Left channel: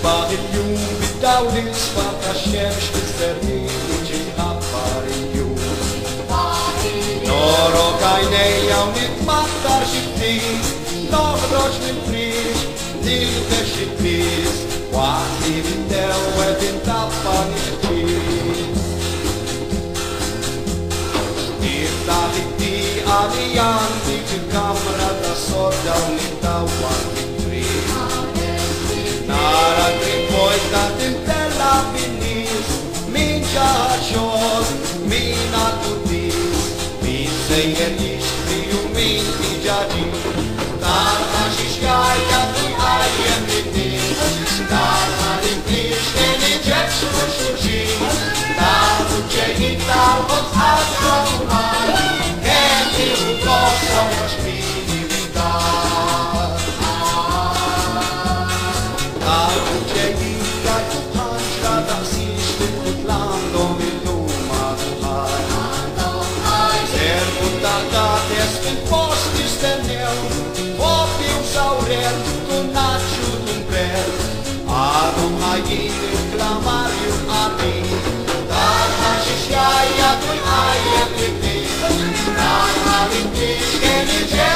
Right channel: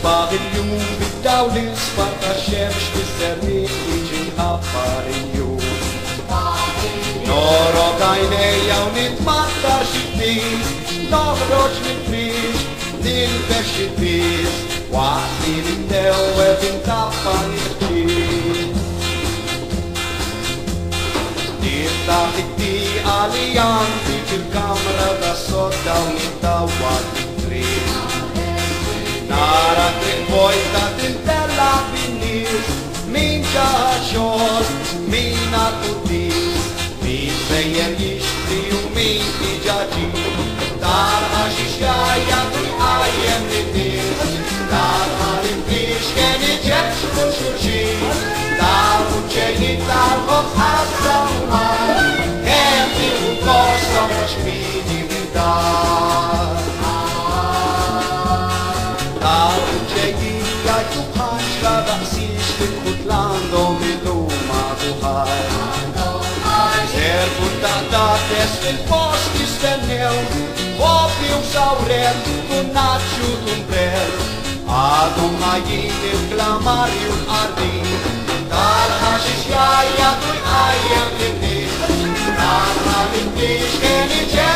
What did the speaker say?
Parinho, Vitaulis, Marcachens, Servi, Aparinho. Noro Gainei, Audit, Matarchiti, Noro Chipris, Nilka Chipis, Wati Vitel, Webin Tapaniti. Nilka Hiti, Alian, Vitu Kamra, da Soda, Nita, Wati Tris. Poisa de della finis, mincha shot, mina tutis, mi senyenish tiu mi jadi, dana shishaya ni ayetitis, dana ditis kene jetsu surgi, dana chenita vos atsamuar, enti ukosa spiritualidad. Postis tendeu, óbvio saurem, conacho do pé. Ado aí, exclamario a mim. Da xixaia do ai é da